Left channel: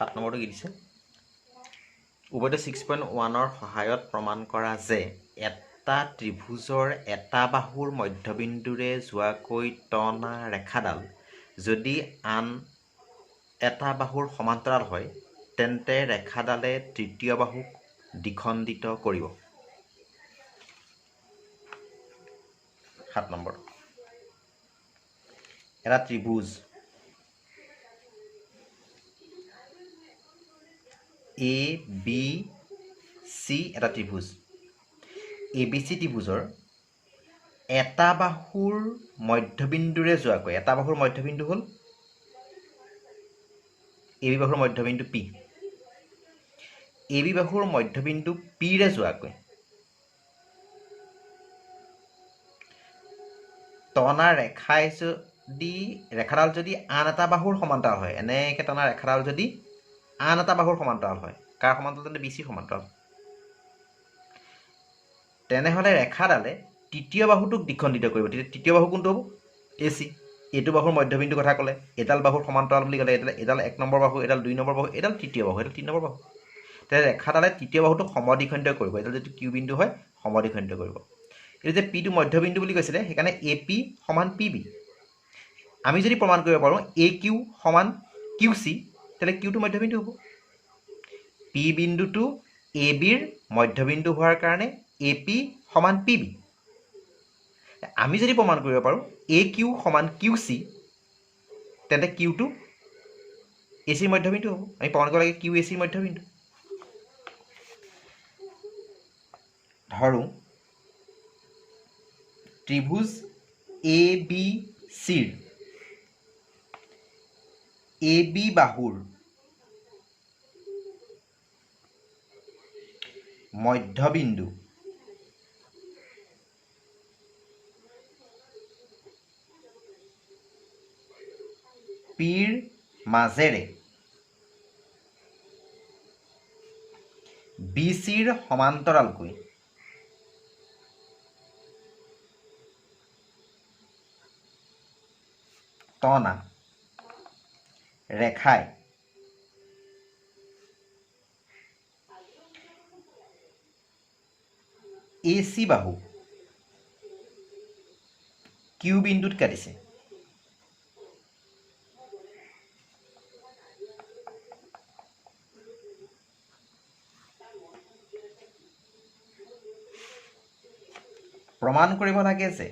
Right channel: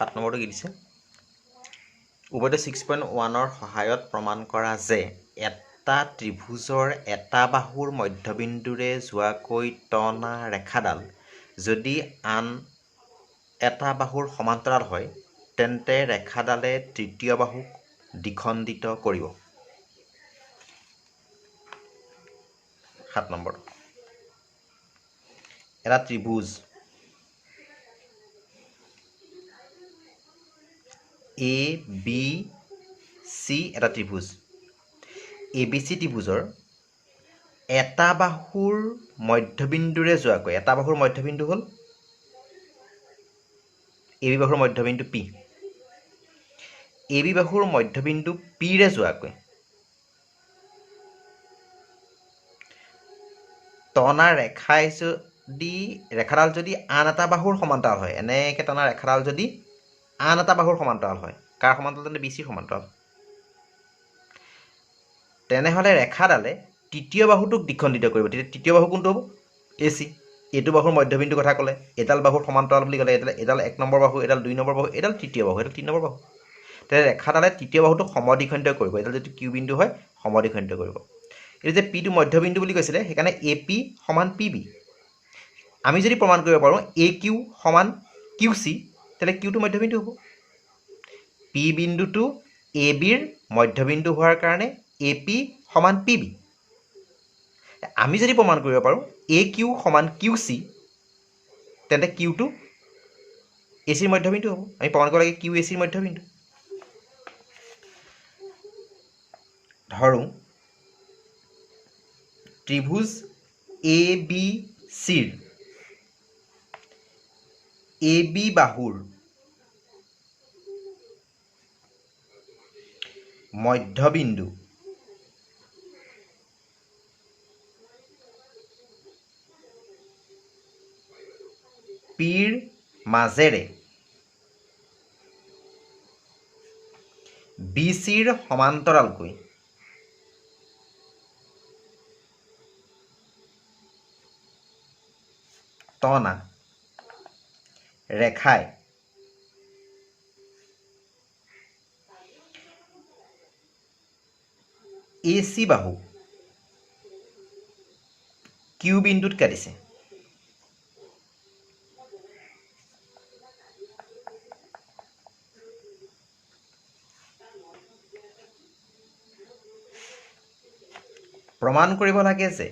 7 নম্বৰটো কি দিছে ওপৰতে 6.1ৰ সহায়ত প্ৰমাণ কৰা যে এটা ত্ৰিভুজৰ এটা বাহুৰ মধ্যবিন্দুৰে যোৱাকৈ টনা ৰেখাডাল যদি আন এটা বাহুৰ সমান্তৰাল হয় তেন্তে ৰেখাডালে তৃতীয় বাহুক দ্বিখণ্ডিত কৰিব 7 নম্বৰ এটা ত্ৰিভুজ এ বি চি এটা ত্ৰিভুজ এ বি চি ত্ৰিভুজৰ এটা বাহুৰ মধ্যবিন্দুৰে যোৱাকৈ এটা বাহুৰ মধ্যবিন্দু হ'ল এ বি বাহুৰ মধ্যবিন্দু পি এ বি বাহুৰ মধ্যবিন্দু পিৰে যোৱাকৈ টনা ৰেখাই যদি ৰেখাডাল যদি আন এটা বাহুৰ সমান্তৰাল হয় এনেকৈ টনা ৰেখাডাল যদি আন এটা বাহুৰ সমান্তৰাল হয় কাৰ সমান্তৰাল তেন্তে বি চিৰ সমান্তৰাল তেনেহ'লে ৰেখাডালে তৃতীয় বাহুটোক দ্বিখণ্ডিত কৰিব তেতিয়া তৃতীয় বাহু কোনটো হ'ব এ চি এইটো বাহুৰ মধ্যবিন্দু কথা ক'লে এডাল বাহুৰ সমান্তৰাল বুলি ক'লে এডাল 1 নম্বৰ বাহু এডাল 2 নম্বৰ বাহু এডাল তৃতীয় বাহু এডাল 3 নম্বৰ বাহু তেতিয়া ৰেখাডালে তৃতীয় বাহুটোক সমদ্বিখণ্ডিত কৰিব এডাল যদি কিউ বিন্দু হয় সমদ্বিখণ্ডিত কৰিব এই যে পিটো মধ্যবিন্দু বুলি কৈছিলে সেইকাৰণে এ পি সমান পি বি আমি যদি প্ৰমাণ কৰিব পাৰোঁ এ কিউ সমান কিউ চি তেতিয়াহ'লে কিউটো মধ্যবিন্দু হ'ব পি বিন্দুটো এ বিৰ মধ্যবিন্দু হোৱাৰ কাৰণে এ পি সমান পি বি আমি যদি প্ৰমাণ কৰিব পাৰোঁ এ কিউ সমান কিউ চি তেন্তে কিউটো এ চিৰ মধ্যবিন্দু হ'ব আমি প্ৰমাণ কৰিব লাগে কিউ এ চিৰ মধ্যবিন্দু ধৰোঁ ত্ৰিভুজ এ বি চিৰ এ বি বাহুৰ মধ্যবিন্দু পিৰ মাজেৰে বি চিৰ সমান্তৰালকৈ টনা ৰেখাই এ চি বাহু কিউ বিন্দুত কাটিছে প্ৰমাণ কৰিব লাগে যে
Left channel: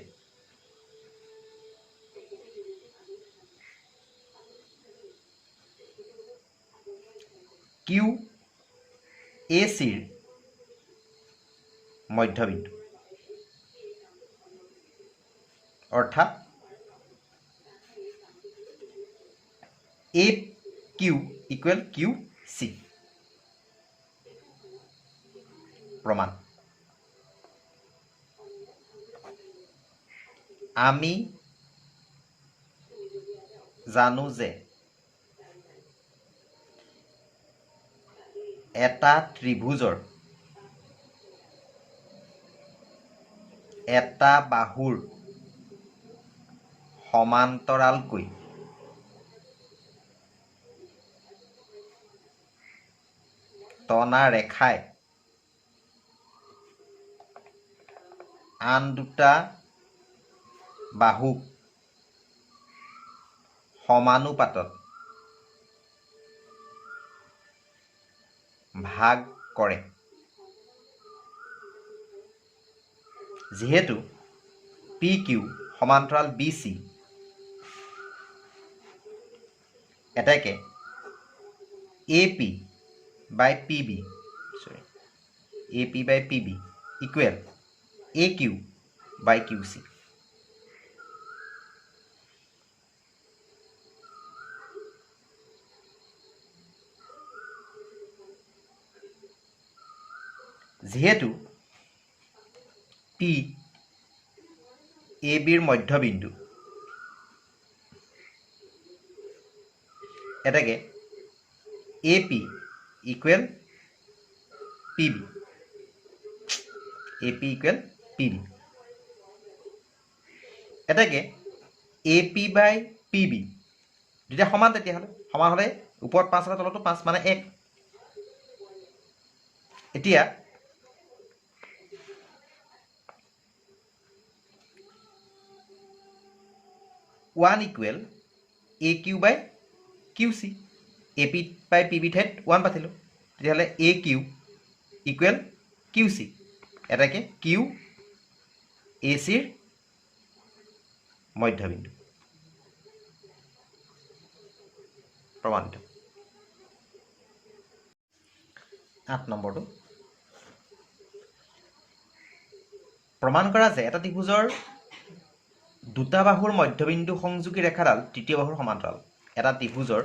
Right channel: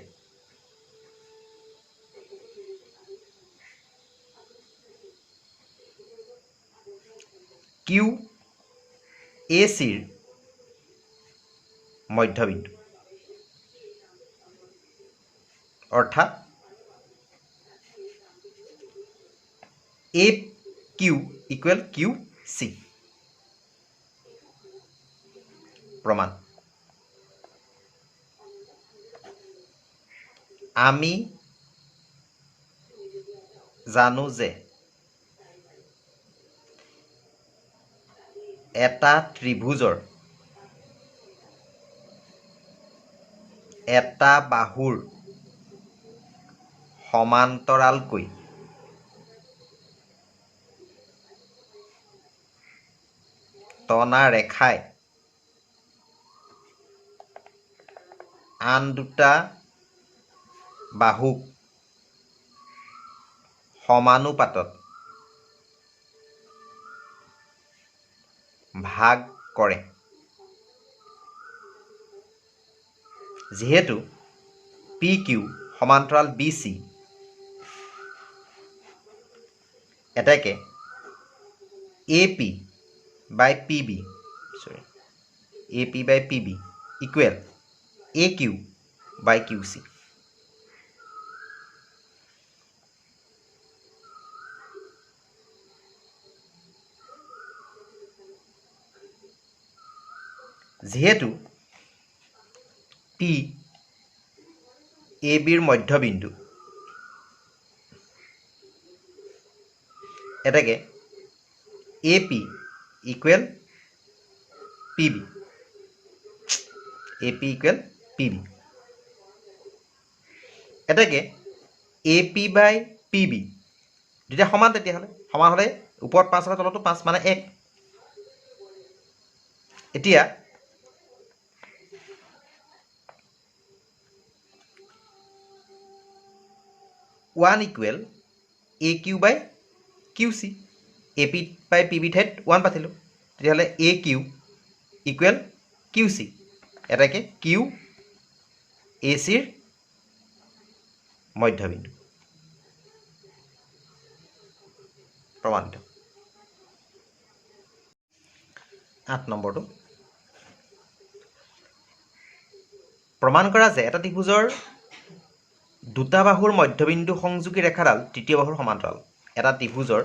কিউ এ চিৰ মধ্যবিন্দু অৰ্থাৎ এ কিউ ইকুৱেল কিউ চি প্ৰমাণ আমি জানো যে এটা ত্ৰিভুজৰ এটা বাহুৰ সমান্তৰালকৈ টনা ৰেখাই আন দুটা বাহুক সমানুপাতত ভাগ কৰে যিহেতু পি কিউ সমান্তৰাল বি চি এটাকে A P by P B A P by P B equal A Q by Q C যিহেতু পি এ বিৰ মধ্যবিন্দু এটাকে A P equal P B A P equal P B এটাকে A P by P B দুটা সমান তেতিয়াহ'লে সমান হ'লে ওপৰত 5 আছে তলতো 5 মানে 1 এতিয়া 1 ইকুৱেল AQ বাই QC AP বাই PB ঠাইত 1 পাতিলোঁ তেতিয়াহ'লে AQ ইকুৱেল QC এটাকে Q ACৰ মধ্যবিন্দু প্ৰমাণিত 8 নম্বৰটো প্ৰমাণ কৰা যে এটা ত্ৰিভুজৰ দুটা বাহুৰ মধ্যবিন্দু সংযোগী ৰেখাডাল তৃতীয় বাহুৰ সমান্তৰাল এটা ত্ৰিভুজৰ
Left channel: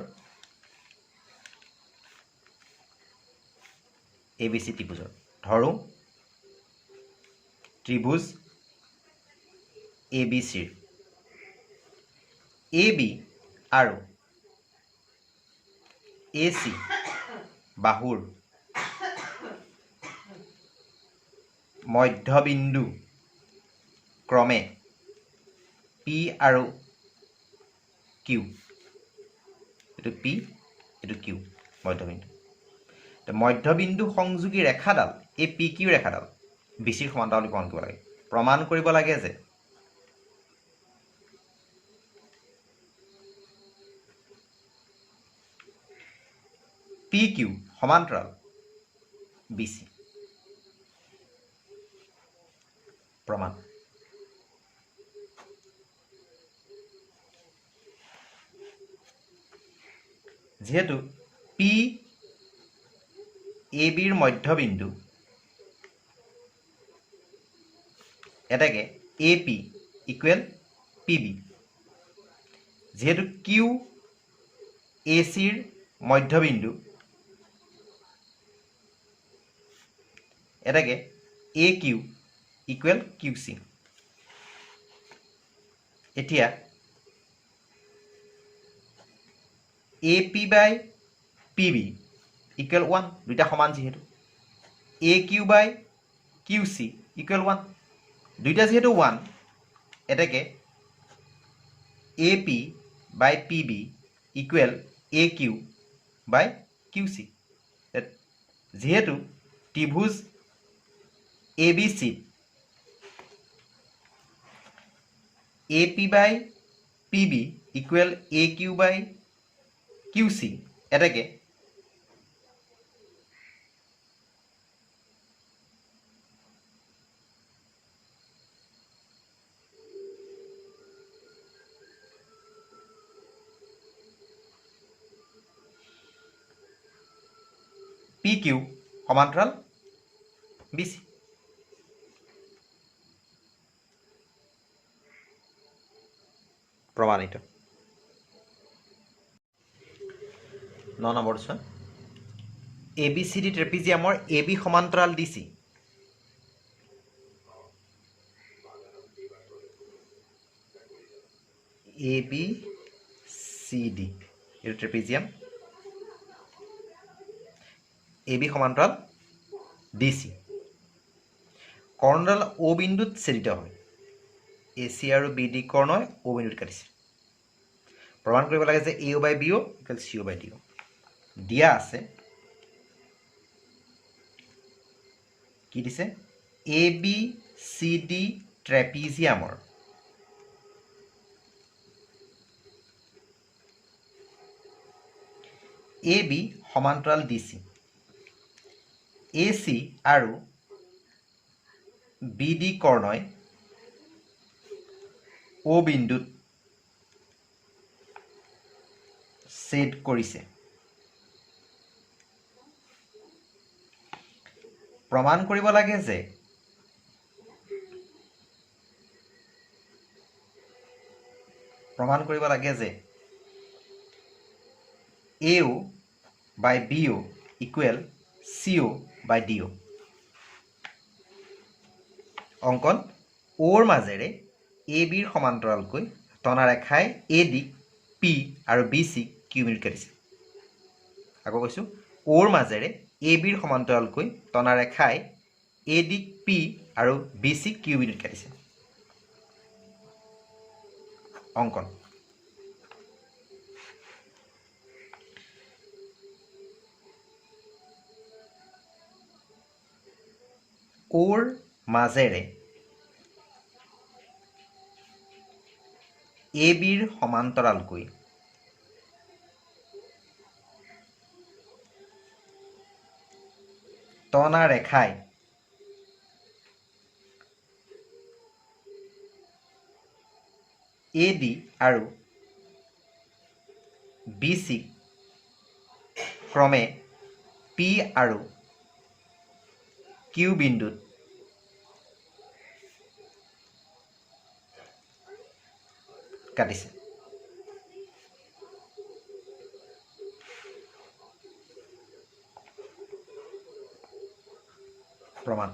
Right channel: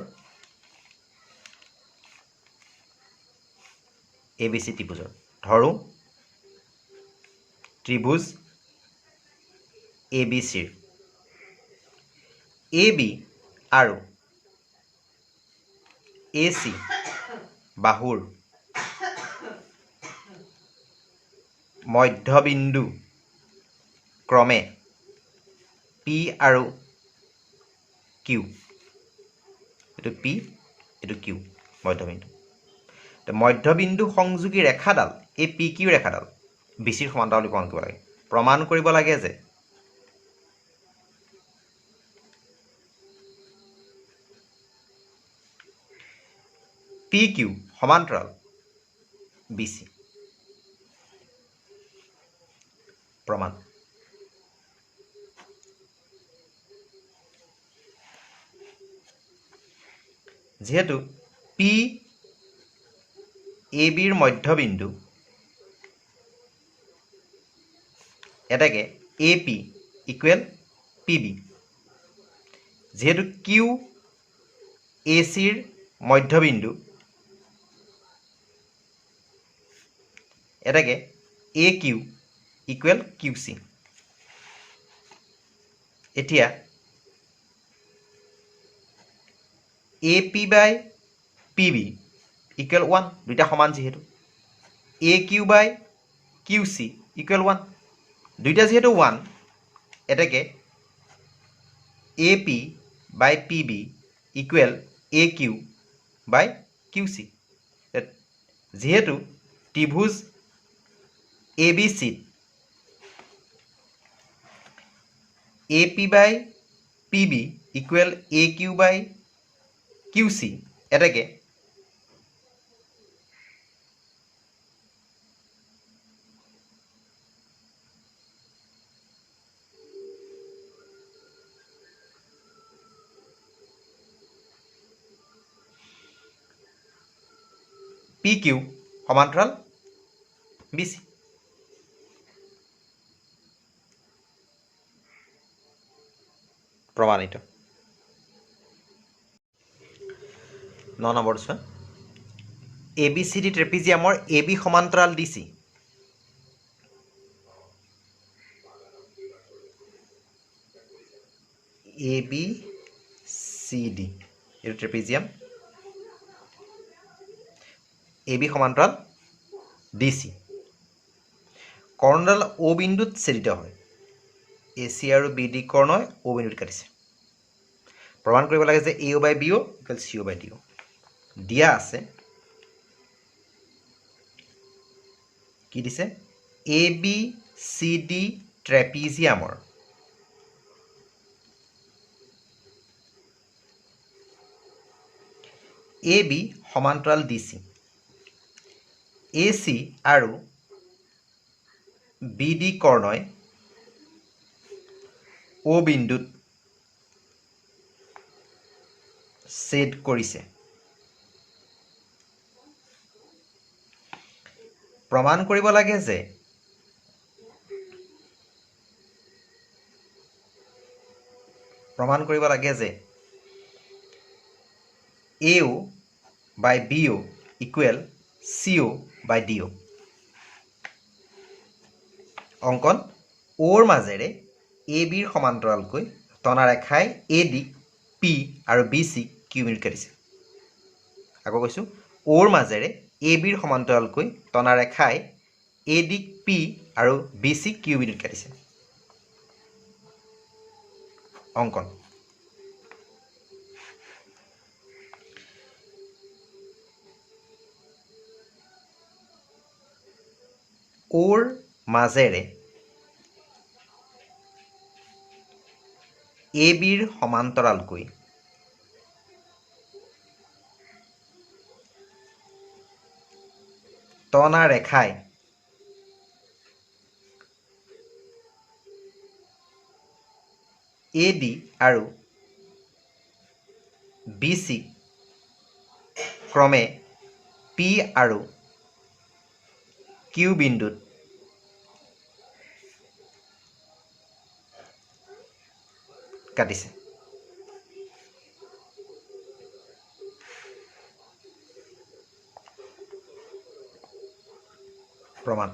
ABC ত্ৰিভুজৰ ধৰো ত্ৰিভুজ ABCৰ AB আৰু AC বাহুৰ মধ্যবিন্দু ক্ৰমে P আৰু Q এইটো P এইটো Q মধ্যবিন্দু মধ্যবিন্দু সংযোগী ৰেখাডাল এই PQ ৰেখাডাল BCৰ সমান্তৰাল বুলি প্ৰমাণ কৰিব লাগে যে PQ সমান্তৰাল BC প্ৰমাণ যেহেতু P ABৰ মধ্যবিন্দু এটাকে AP ইকুৱেল PB যেহেতু Q ACৰ মধ্যবিন্দু এটাকে AQ ইকুৱেল QC এতিয়া AP বাই PB ইকুৱেল 1 দুটা সমান যেহেতু AQ বাই QC ইকুৱেল 1 দুইটা যেহেতু 1 এটাকে AP বাই PB ইকুৱেল AQ বাই QC যেহেতু ত্ৰিভুজ ABC AP বাই PB ইকুৱেল AQ বাই QC এটাকে PQ সমান্তৰাল BC প্ৰমাণিত 9 নম্বৰ চোৱা ABCD ট্ৰেপিজিয়ামৰ AB সমান্তৰাল DC ABCD এইটো ট্ৰেপিজিয়াম AB সমান্তৰাল DC কৰ্ণডাল O বিন্দুত ছেদিত হয় AC আৰু BD কৰ্ণই O বিন্দুত কাটিছে প্ৰমাণ কৰিব লাগে যে AO by BO equal CO by DO দিয়া আছে কি দিছে ABCD ট্ৰেপিজিয়ামৰ AB সমান্তৰাল DC AC আৰু BD কৰ্ণই O বিন্দুত ছেদ কৰিছে প্ৰমাণ কৰিব লাগে যে AO by BO equal CO by DO অংকন ওৰ মাজেৰে ABৰ সমান্তৰালকৈ টনা ৰেখাই AD P আৰু BC Q মিনিট কাটিছে আকৌ কৈছো ওৰ মাজেৰে ABৰ সমান্তৰালকৈ টনা ৰেখাই AD P আৰু BC Q মিনিট কাটিছে অংকন ওৰ মাজেৰে এ বিৰ সমান্তৰালকৈ টনা ৰেখাই এ ডি আৰু বি চি ক্ৰমে পি আৰু কিউ বিন্দুত কাটিছে। প্ৰমাণ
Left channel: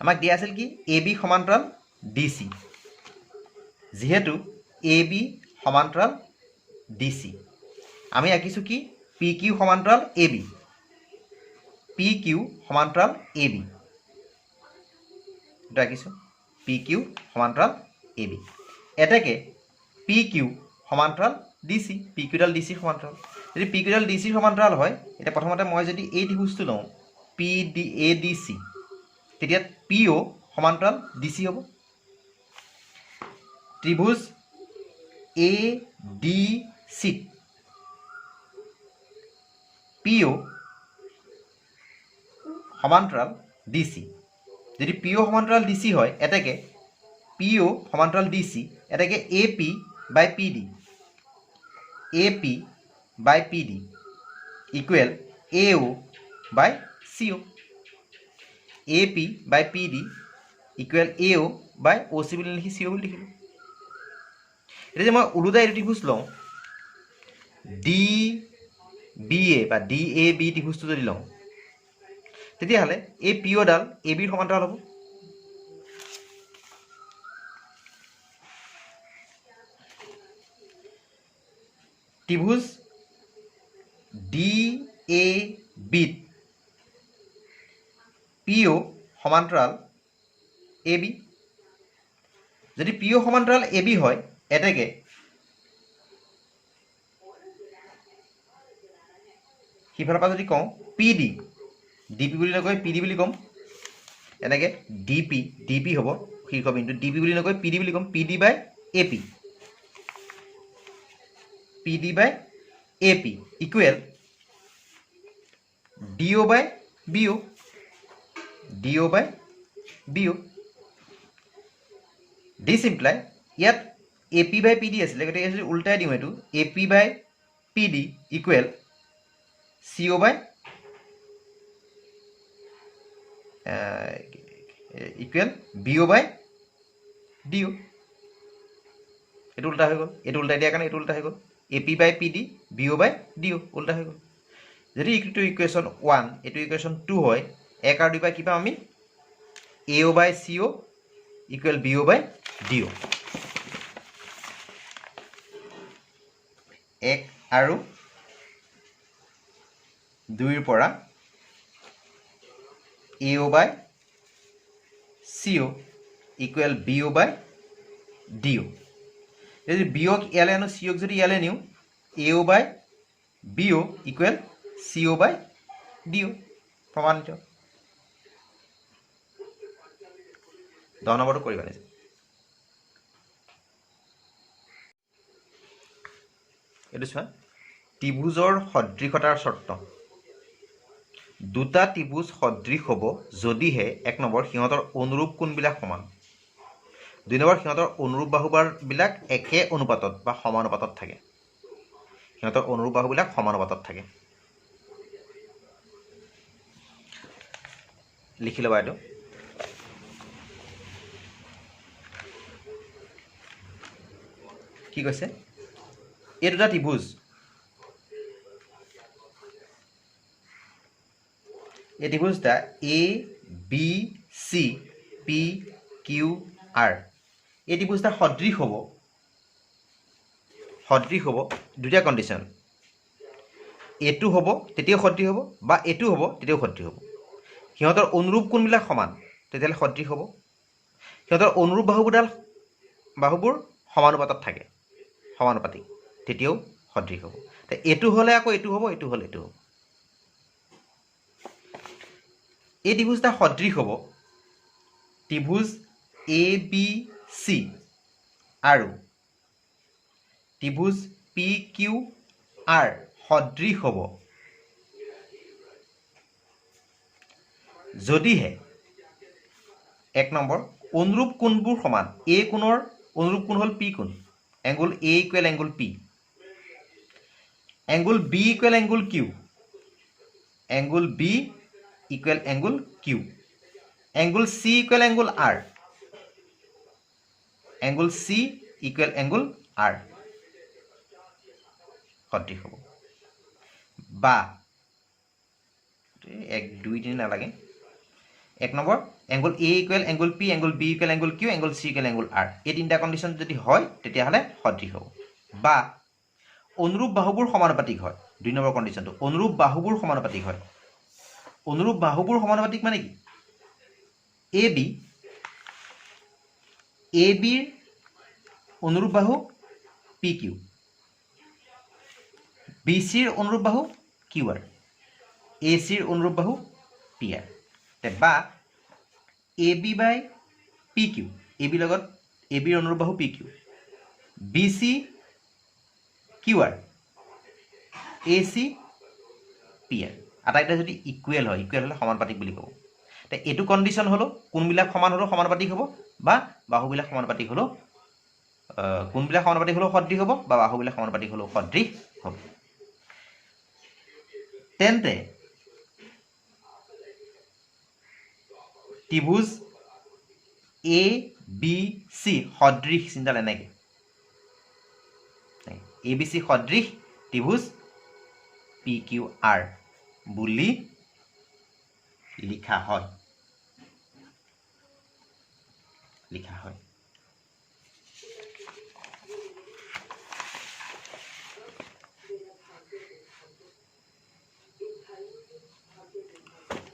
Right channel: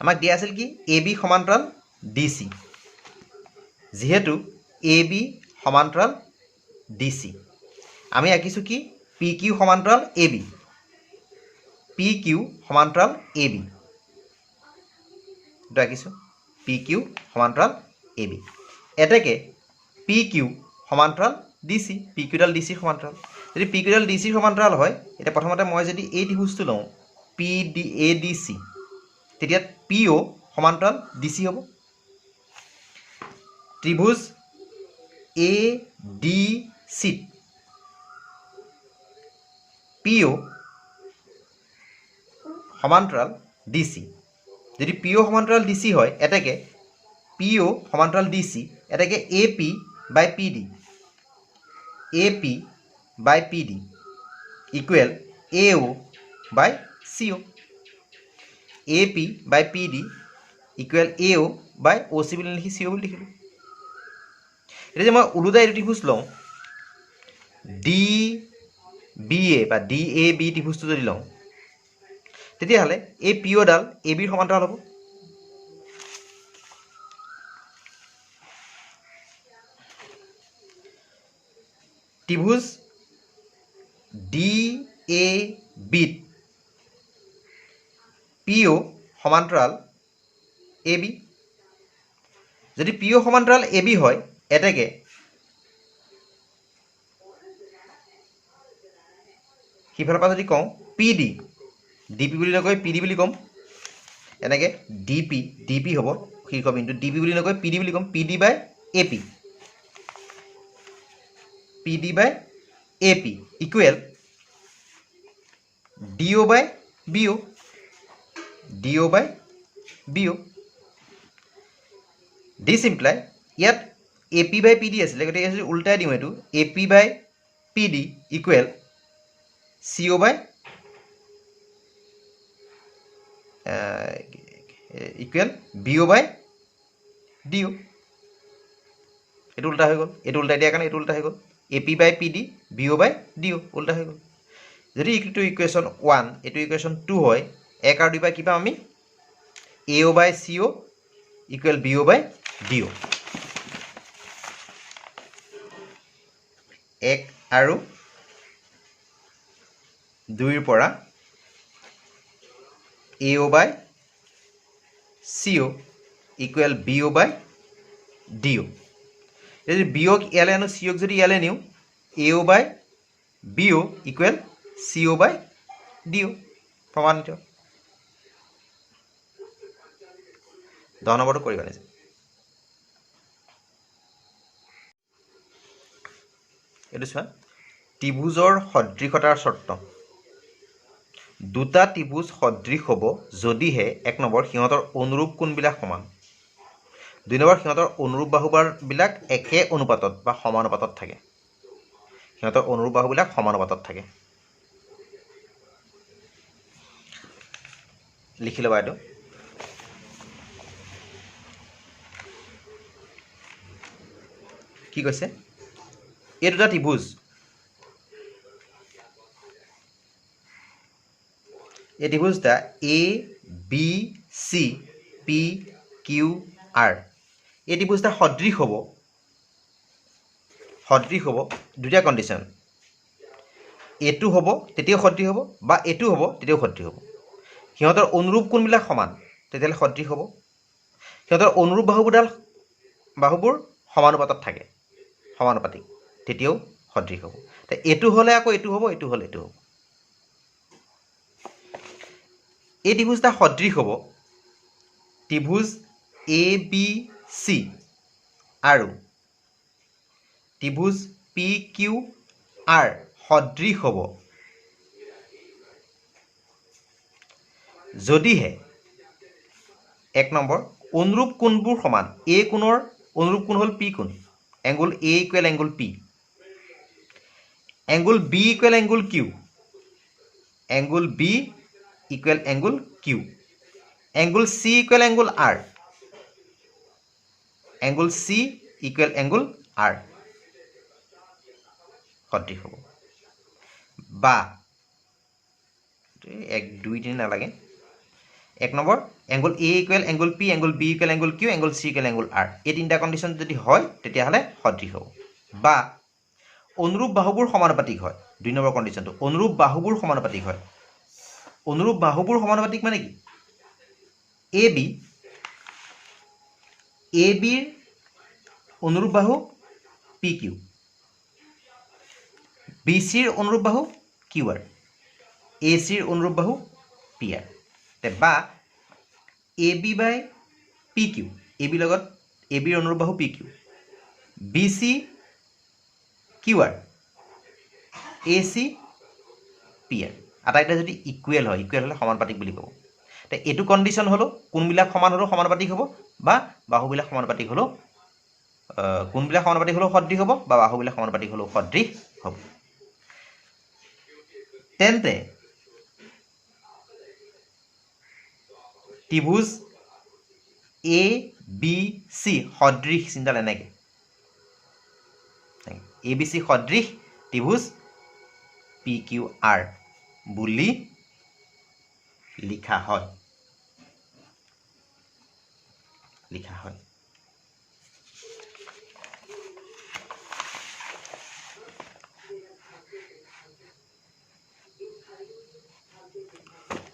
আমাক দিয়া আছিল কি এ বি সমান্তৰাল ডি চি। যিহেতু এ বি সমান্তৰাল ডি চি আমি আঁকিছোঁ কি পি কিউ সমান্তৰাল এ বি, পি কিউ সমান্তৰাল এ বি এইটো আঁকিছোঁ পি কিউ সমান্তৰাল এ বি। এতেকে পি কিউ সমান্তৰাল ডি চি, পি কিউডাল ডি চিৰ সমান্তৰাল। যদি পি কিউডাল ডি চিৰ সমান্তৰাল হয় এতিয়া প্ৰথমতে মই যদি এই ত্ৰিভুজটো লওঁ P D A D C তেতিয়া পি অ' সমান্তৰাল ডি চি হ'ব। ত্ৰিভুজ এ ডি চি পি অ' সমান্তৰাল ডি চি। যদি পি অ' সমান্তৰাল ডি চি হয় এতেকে পি অ' সমান্তৰাল ডি চি এতেকে A P by P D, A P by P D equal A O' by C O', A P by P D equal A O' by O' C বুলি লিখি C অ' বুলি লিখিলোঁ। এতিয়া যে মই ওলোটাই এইটো ত্ৰিভুজ লওঁ ডি বি এ বা ডি এ বি ত্ৰিভুজটো যদি লওঁ তেতিয়াহ'লে এই পি অ'ডাল এ বিৰ সমান্তৰাল হ'ব। ত্ৰিভুজ ডি এ বিত পি অ' সমান্তৰাল এ বি। যদি পি অ' সমান্তৰাল এ বি হয় এতেকে সিফালৰ পৰা যদি কওঁ পি ডি, ডি পি বুলি নকৈ পি ডি বুলি ক'ম। এনেকৈ ডি পি হ'ব শীৰ্ষবিন্দু, ডি পি বুলি নকৈ পি ডি বুলি ক'ম, P D by A P, P D by A P equal D O' by B O', D O' by B O'. This imply ইয়াত A P by P D আছিলে গতিকে যদি উল্টাই দিওঁ এইটো A P by P D equal C O' by equal B O' by D O'. এইটো উল্টা হৈ গ'ল, এইটো উল্টাই দিয়াৰ কাৰণে এইটো উল্টা হৈ গ'ল, A P by P D B O' by D O' উল্টা হৈ গ'ল। যদি এইটো ইকুৱেশ্যন 1 এইটো ইকুৱেশ্যন 2 হয় 1 আৰু 2 বাই কি পাম আমি এ O' by C O' equal B O' by D অ'। 1 আৰু 2ৰ পৰা এ O' by C O' equal B O' by D অ'। যদি বি অ'ক ইয়ালৈ আনো চি অ'ক যদি ইয়ালৈ নিওঁ এ O' by B O' equal C O' by D অ'। প্ৰমাণিত। 10 নম্বৰটো কৰিবা নিজে। এইটো চোৱা ত্ৰিভুজৰ সদৃশতাৰ চৰ্ত। দুটা ত্ৰিভুজ সদৃশ হ'ব যদিহে 1 নম্বৰ সিহঁতৰ অনুৰূপ কোণবিলাক সমান, 2 নম্বৰ সিহঁতৰ অনুৰূপ বাহুবিলাক একে অনুপাতত বা সমানুপাতত থাকে, সিহঁতৰ অনুৰূপ বাহুবিলাক সমানুপাতত থাকে। লিখি ল'বা এইটো। কি কৈছে এই দুটা ত্ৰিভুজ এই ত্ৰিভুজটা A B C P Q R এই ত্ৰিভুজটা সদৃশ হ'ব দুটা কণ্ডিশ্যন, এইটো হ'ব তেতিয়াও সদৃশ হ'ব বা এইটো হ'ব তেতিয়াও সদৃশ হ'ব। সিহঁতৰ অনুৰূপ কোণবিলাক সমান তেতিয়াহ'লে সদৃশ হ'ব, সিহঁতৰ অনুৰূপ বাহুবোৰ সমানুপাতত থাকে সমানুপাতিক তেতিয়াও সদৃশ হ'ব। এইটো হ'লে আকৌ এইটো হ'ব, এইটো হ'লে এইটো হ'ব। এই ত্ৰিভুজটা সদৃশ হ'ব ত্ৰিভুজ ABC আৰু ত্ৰিভুজ PQR সদৃশ হ'ব যদিহে এক নম্বৰ অনুৰূপ কোণবোৰ সমান A কোণৰ অনুৰূপ কোণ হ'ল P কোণ angle A equal angle P angle B equal angle Q angle B equal angle Q angle C equal angle R angle C equal angle R সদৃশ হ'ব বা 1 2 3 নালাগে এক number angle A equal angle P angle B equal angle Q angle C equal angle R এই তিনিটা condition যদি হয় তেতিয়াহ'লে সদৃশ হ'ব বা অনুৰূপ বাহুবোৰ সমানুপাতিক হয় 2 নম্বৰ কণ্ডিশ্যনটো অনুৰূপ বাহুবোৰ সমানুপাতিক হয় অনুৰূপ বাহুবোৰ সমানুপাতিক মানে কি AB ৰ অনুৰূপ বাহু PQ BC ৰ অনুৰূপ বাহু QR AC ৰ অনুৰূপ বাহু PR বা AB বাই PQ AB লগত AB ৰ অনুৰূপ বাহু PQ BC QR AC PR আটাইটা যদি ইকুৱেল হয় ইকুৱেল হ'লে সমানুপাতিক বুলি ক'ব তে এইটো কণ্ডিশ্যন হ'লো কোনবিলাক সমান হ'লেও সমানুপাতিক হ'ব বা বাহুবিলাক সমানুপাতিক হ'লেও কোনবিলাক সমানুপাতিক হ'লেও সদৃশ হ'ব বা বাহুবিলাক সমানুপাতিক হ'লেও সদৃশ হ'ব তেন্তে ত্ৰিভুজ ABC সদৃশ চিন্তা এনেকৈ ABC সদৃশ ত্ৰিভুজ PQR বুলি লিখা হয়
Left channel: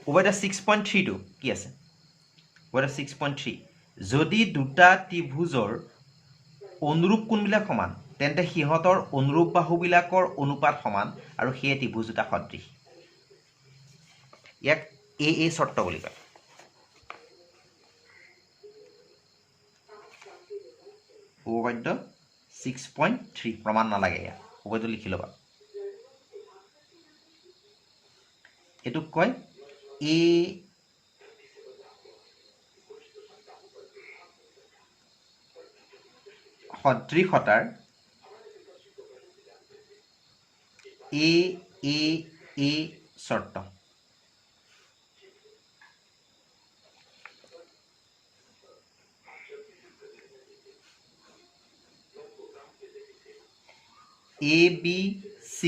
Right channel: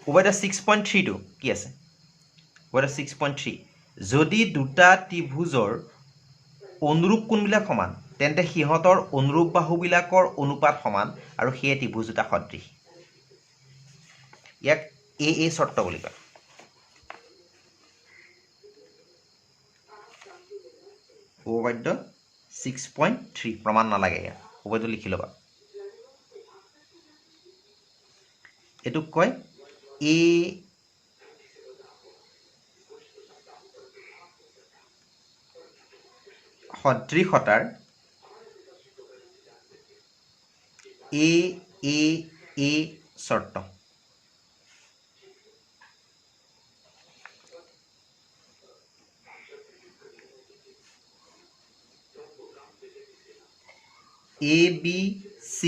উভয়টা 6.3 টো কি আছে উভয়টা 6.3 যদি দুটা ত্ৰিভুজৰ অনুৰূপ কোণবিলাক সমান তেন্তে সিহঁতৰ অনুৰূপ বাহুবিলাকৰ অনুপাত সমান আৰু সেই ত্ৰিভুজ দুটা সদৃশ ইয়াক AA শৰ্ত বুলি কয় উপপাদ্য 6.3 প্ৰমাণ নালাগে ইয়াত উপপাদ্য লিখি ল'বা এটোক কয় A সদৃশতাৰ AA শৰ্ত ABC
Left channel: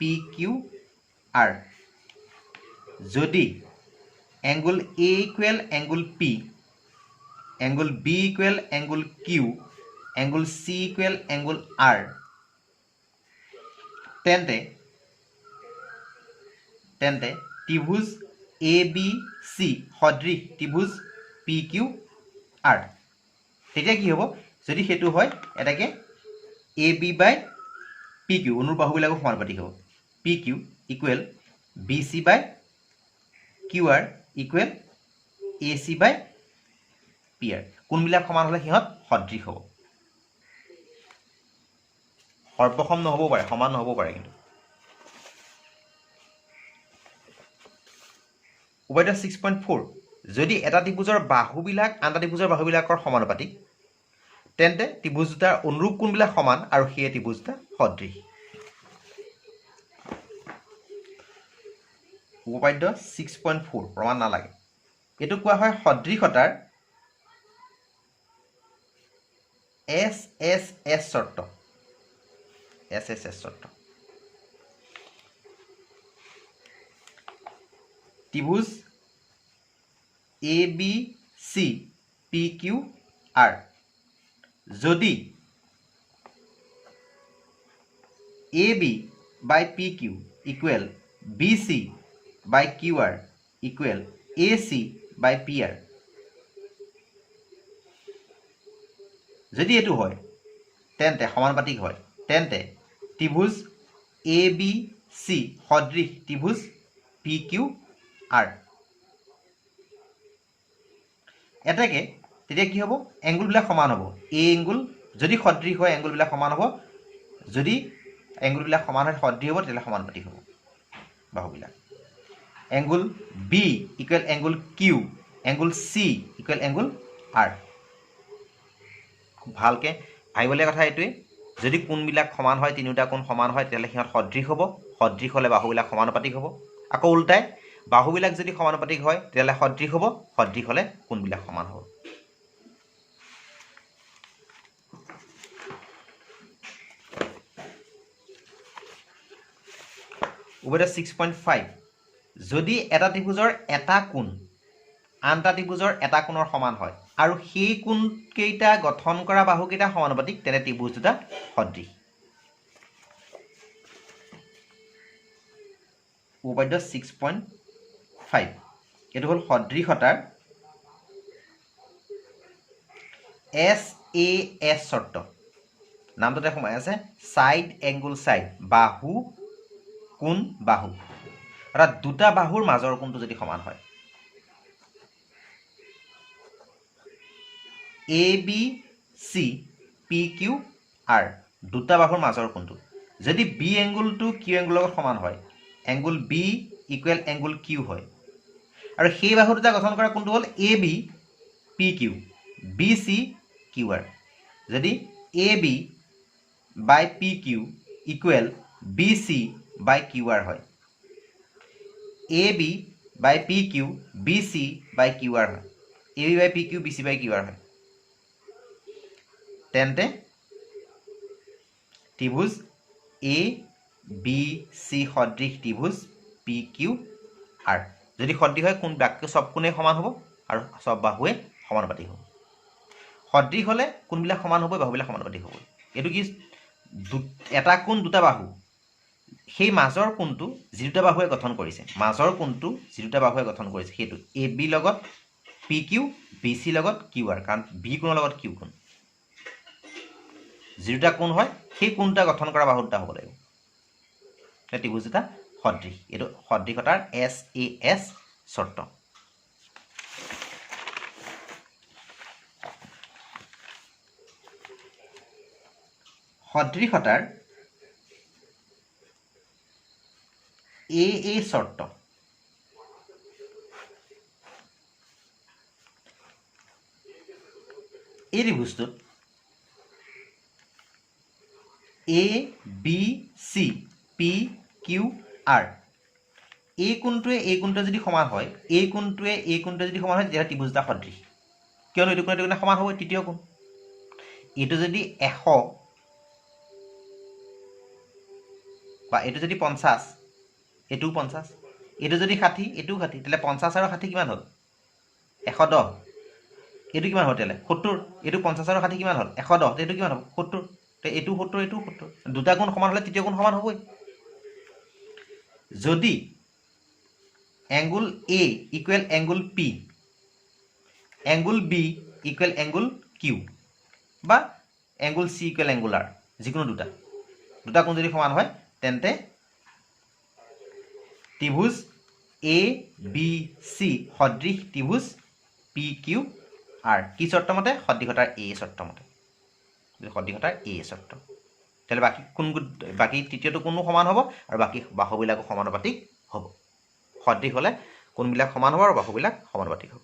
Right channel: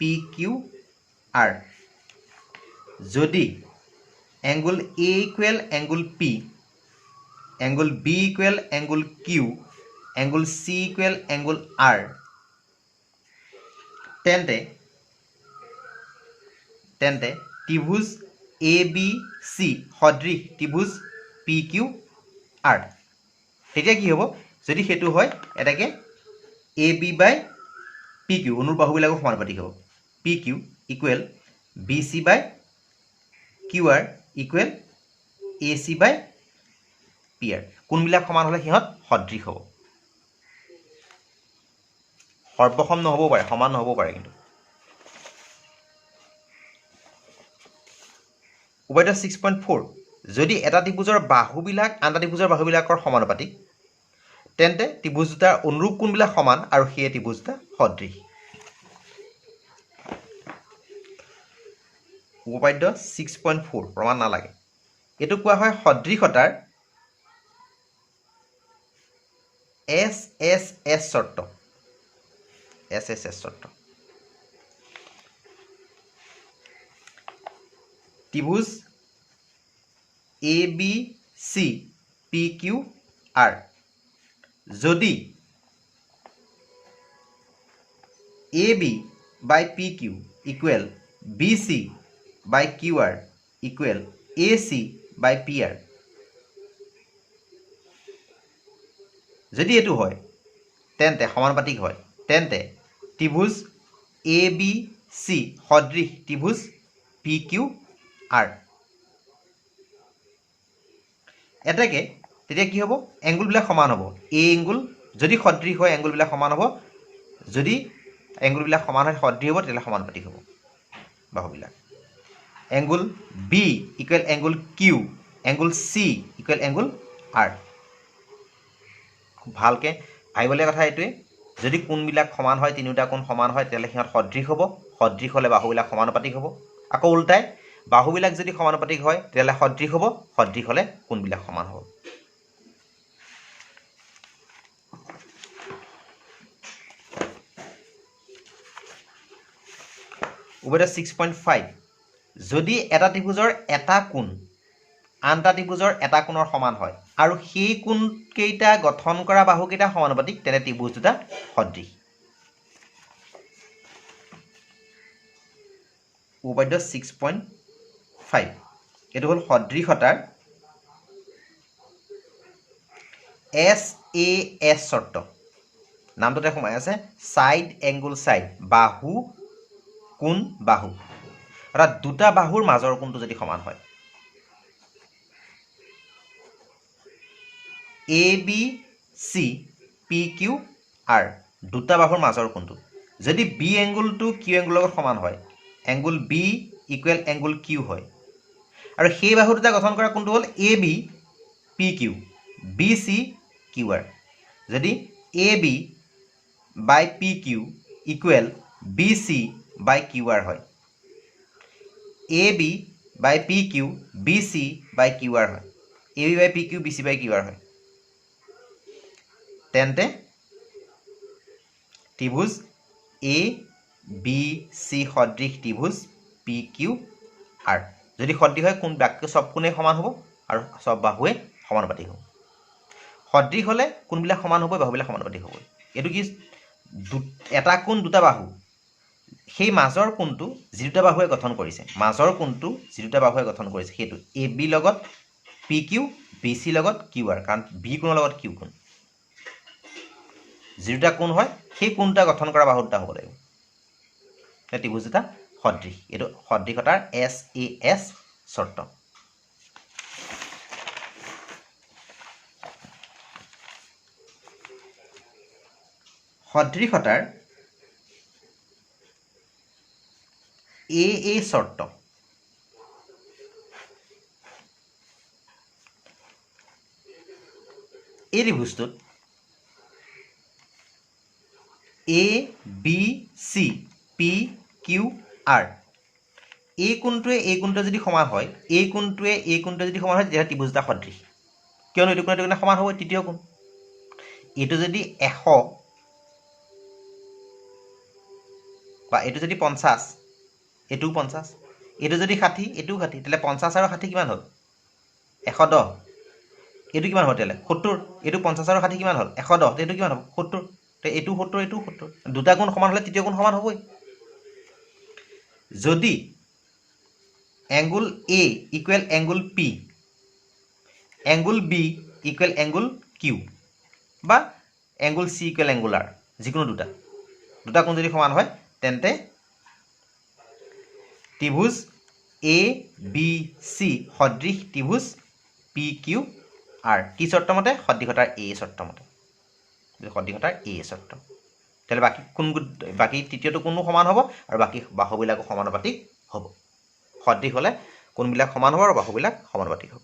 PQR যদি angle A equal angle P angle B equal angle Q angle C equal angle R তেন্তে ত্ৰিভুজ ABC সদৃশ ত্ৰিভুজ PQR তেতিয়া কি হ'ব যদি সেইটো হয় এটাকে AB বাই PQ অনুৰূপ বাহুবিলাকৰ সমানুপাতিক হ'ব PQ ইকুৱেল BC বাই QR ইকুৱেল AC বাই PR কোনবিলাক সমান হ'লে সিহঁত সদৃশ হ'ব সৰ্বসম নহ'ব পাৰে সমান নহ'ব পাৰে কিন্তু উভয়টা 6.4 যদি এটা ত্ৰিভুজৰ বাহুবিলাক আনটা ত্ৰিভুজৰ বাহুবিলাকৰ সমানুপাতিক তেন্তে ত্ৰিভুজ দুটাৰ অনুৰূপ কোণবিলাক সমান আৰু সেই ত্ৰিভুজ দুটা সদৃশ উপপাদ্য 6.4 প্ৰমাণ নালাগে এইটো কোৱা হয় সদৃশতাৰ SSS শৰ্ত ত্ৰিভুজ ABC PQR যদি AB by PQ equal BC by QR equal AC by PR যদি এটো হয় তেন্তে সমানুপাতিক হয় তেন্তে ত্ৰিভুজ ABC সদৃশ ত্ৰিভুজ PQR এটাকে তেতিয়া কি হ'ব এংগুলবিলাক সমান হ'ব এ এংগুল যদি সদৃশ হয় এংগুলবিলাক সমান হ'ব যদি এংগুলবিলাক সমান হয় সদৃশ হ'ব তেতিয়াহ'লে সমানুপাতিক হ'ব বাহুবিলাক angle B equal angle Q angle C equal angle R খুব ভালকৈ ভাবিবলগীয়া কথা এইটোৱে যদি কোণবিলাক সমান হয় তিনিওটা কোণ সমান হয় তেতিয়াহ'লে সিহঁত সদৃশ হ'ব সদৃশ হ'লে বাহুবিলাক সমানুপাতিক হ'ব আকৌ উল্টাই বাহুবিলাক যদি সমানুপাতিক হয় তেতিয়াহ'লে সদৃশ হ'ব সদৃশ হ'লে কোণবিলাক সমান হ'ব উভয়তে 6.5 যদি এটা ত্ৰিভুজৰ এটা কোণ আন এটা ত্ৰিভুজৰ এটা কোণৰ সমান হয় আৰু সেই কোণকেইটা গঠন কৰা বাহুকেইটা সমানুপাতিক তেনে ত্ৰিভুজ দুটা সদৃশ উপপাদ্য 6.5 এইটো হ'ল সদৃশতাৰ SAS শৰ্ত নামটোতে সোমাই আছে সাইড এংগুল সাইড বাহু কোণ বাহু অৰ্থাৎ দুটা বাহুৰ মাজৰ কোণটো যদি সমান হয় ABC PQ R দুটা বাহুৰ মাজৰ কোণটো যদি B এংগুলটো Q এংগুলৰ লগত সমান হয় angle B equal angle Q হয় আৰু সেই বাহু দুটা গঠন কৰা কোণটো হ'ল AB PQ BC QR যদি AB by PQ equal BC by QR হয় AB by PQ BC by QR হয় AB by PQ BC by QR হয় তেন্তে ত্ৰিভুজ ABC সদৃশ ত্ৰিভুজ PQR যদি সদৃশ হয় কোণ বাক্য সব কোণে সমান হ'ব আৰু সব বাহুৱে সমানুপাতিক হ'ব সদৃশ হ'লে কোণবিলাক সমান হ'ব বাহুবিলাক সমানুপাতিক হ'ব এইটো কি এটা কোণ দুটা বাহু সেই মাজৰ কোণটো যি দুটা বাহুৱে গঠন কৰিছে মাজৰ কোণটো যি দুটা বাহুৱে গঠন কৰিছে সেইটো AB লগত PQ BC লগত QR কাৰণ B কোণৰ লগত Q কোণ যি দুটা কোণ হয় সেই কোণটা গঠন কৰা বাহু দুটা হ'ব লাগিব ত্ৰিভুজ দুটা সদৃশ এইটো সদৃশতাৰ SAS শৰ্ত সদৃশতাৰ AA শৰ্ত এই ত্ৰিভুজটোত ABC PQR এই কোণটোৱে যদি সমান হয় এই কোণটোৱে যদি সমান হয় তেতিয়াহ'লে ত্ৰিভুজ দুটা সদৃশ কিয়নো এইটো কোণে সমান হ'ব তৃতীয় কোণ এইটো যদি 100 বা এইটো যদি 50 এইটোও 50 এইটো যদি 60 এইটোও 60 তেতিয়াহ'লে 50 আৰু 60 কিমান হ'ল 110 এইটো কিমান হ'ব তেতিয়াহ'লে 70 এইটো 50 আৰু 60 কিমান হ'ল 110 এইটো কিমান হ'ব 70 এইটো 70 এইটো 70 দুটা কোণ সমান হ'লে তৃতীয় কোণ সমান হ'বই যদি angle A equal angle P angle B equal angle Q বা angle C equal angle R যিকোনো দুটা কোণ যদি সমান হয় তেন্তে ত্ৰিভুজ ABC সদৃশ ত্ৰিভুজ PQR কি শৰ্ত মতে সদৃশতাৰ A শৰ্ত মতে সদৃশতাৰ A শৰ্ত তেতিয়াহ'লে বাকী তৃতীয়টো কোণো সমান হ'ব আৰু বাকী বাহুবিলাকো সমানুপাতিক হ'ব সদৃশ হ'লে কোণবিলাক সমান হ'ব আৰু বাহুবিলাক সমানুপাতিক হ'ব